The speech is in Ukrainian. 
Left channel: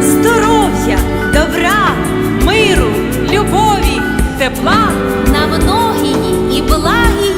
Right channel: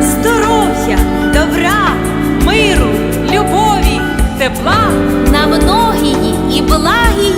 здоров'я, добра, миру, любові, тепла на многії і благі.